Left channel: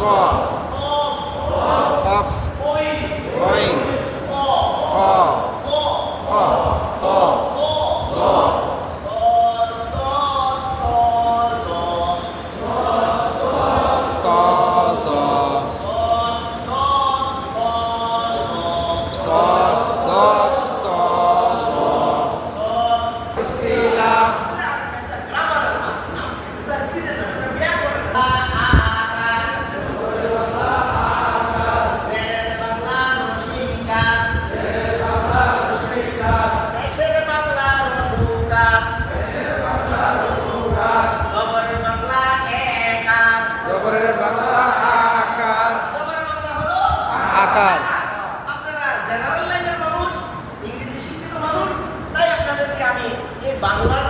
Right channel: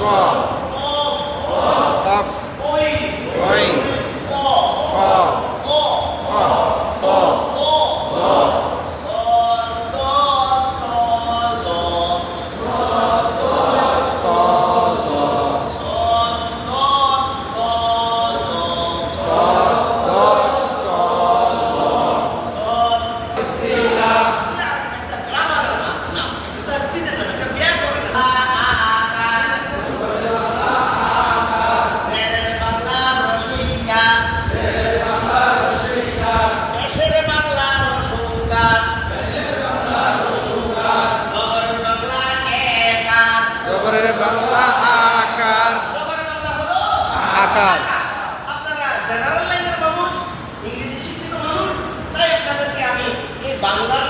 জ কফ গইন খ খ চ জ ত জ স দ ত জ ইস্তিলা জবরের বাংলা আকার আকার আপনারা জেনারেল লাইনের মানুষ, ইংরেজি শিক্ষিত মানুষ, তাই আপনাদেরকে আমি এই বাংলার